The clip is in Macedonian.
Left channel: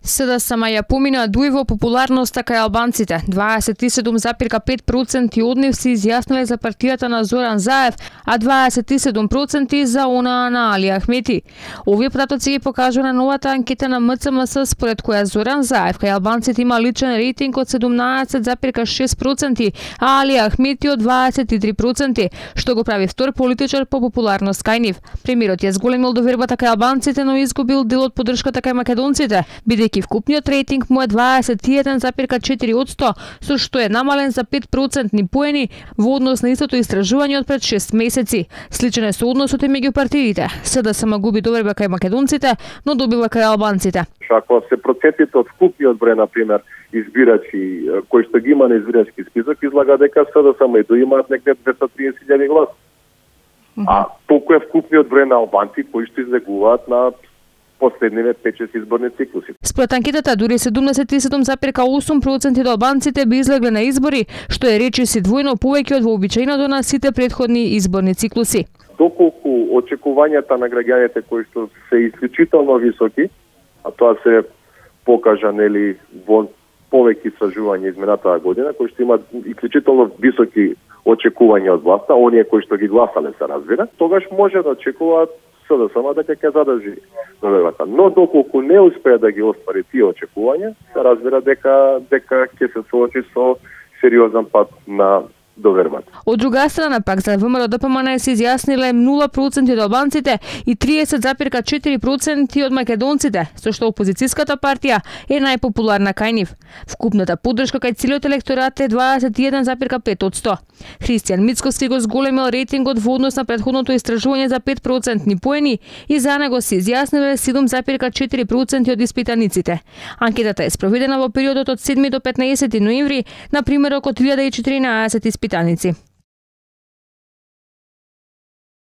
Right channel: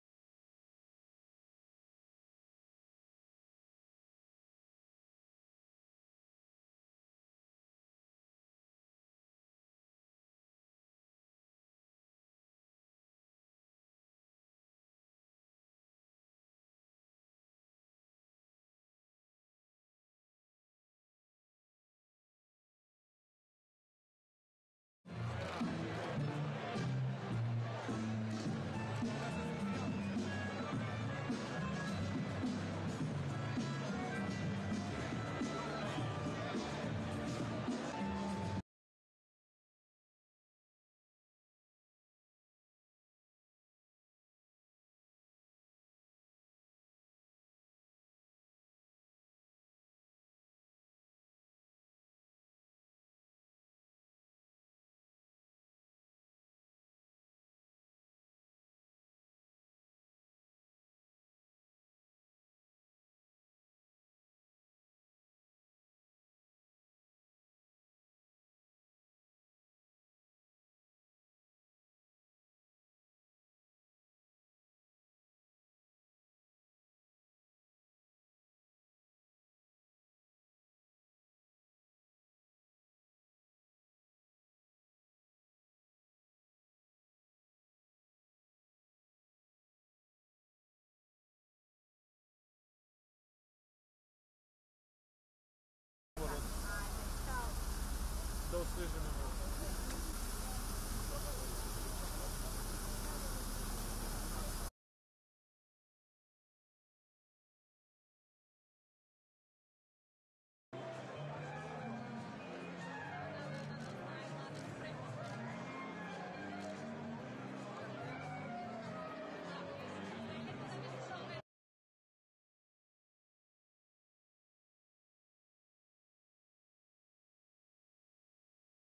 СДСМ ја помина дуј во популарноста кај албанците. 27,5% од нив се изјасниле за партијата на Зоран Заев, а 27% за она на Али Ахмети. Овие податоци ги покажува на новата анкета на МЦМС, според која Зоран Заев кај албанците има личен рейтинг од 17,6%, а Али Ахмети од 23%, што го прави втор политичар по популарност кај нив. Премиерот ја зголемил довербата кај албанците, но изгубил дел од поддршката кај македонците, бидејќи вкупниот рейтинг му е 21,4%, со што е намален за 5% поени во однос на истото истражување од пред 6 месеци. Сличен е со односот и меѓу партиите. СДСМ губи доверба кај македонците, но добива кај албанците. Ако се процентите од вкупниот број, например, избирачи кои што ги има на избирачки список, излага дека СДСМ и имаат некаде 230.000 гласа. А толку е вкупниот број на албанци кои што излегуваат на последниве 5-6 изборни циклуси. Според анкетата, дури 77,8% од албанците би излегле на избори, што е речиси двојно повеќе од вообичаеното на сите претходни изборни циклуси. Доколку очекувањата на граѓаните кои што се исклучително високи, а тоа се покажа нели во повеќе истражувања изминатата година, кои што имаат исклучително високи очекувања од власта, оние кои што ги гласале се разбира, тогаш може да очекуваат СДСМ дека ќе задржи довербата. Но доколку не успее да ги оствари тие очекувања, се разбира дека ќе се соочи со сериозен пат на довербата. Од друга страна пак за ВМРО ДПМН се изјасниле 0% од албанците и 30,4% од македонците, со што опозицијската партија е најпопуларна кај нив. Вкупната поддршка кај целиот електорат е 21,5%. Христијан Мицковски го зголемил рейтингот во однос на претходното истражување за 5% поени и за него се изјасниле 7,4% од испитаниците. Анкетата е спроведена во периодот од 7 до 15 ноември, на примерок од 1014 испитаници.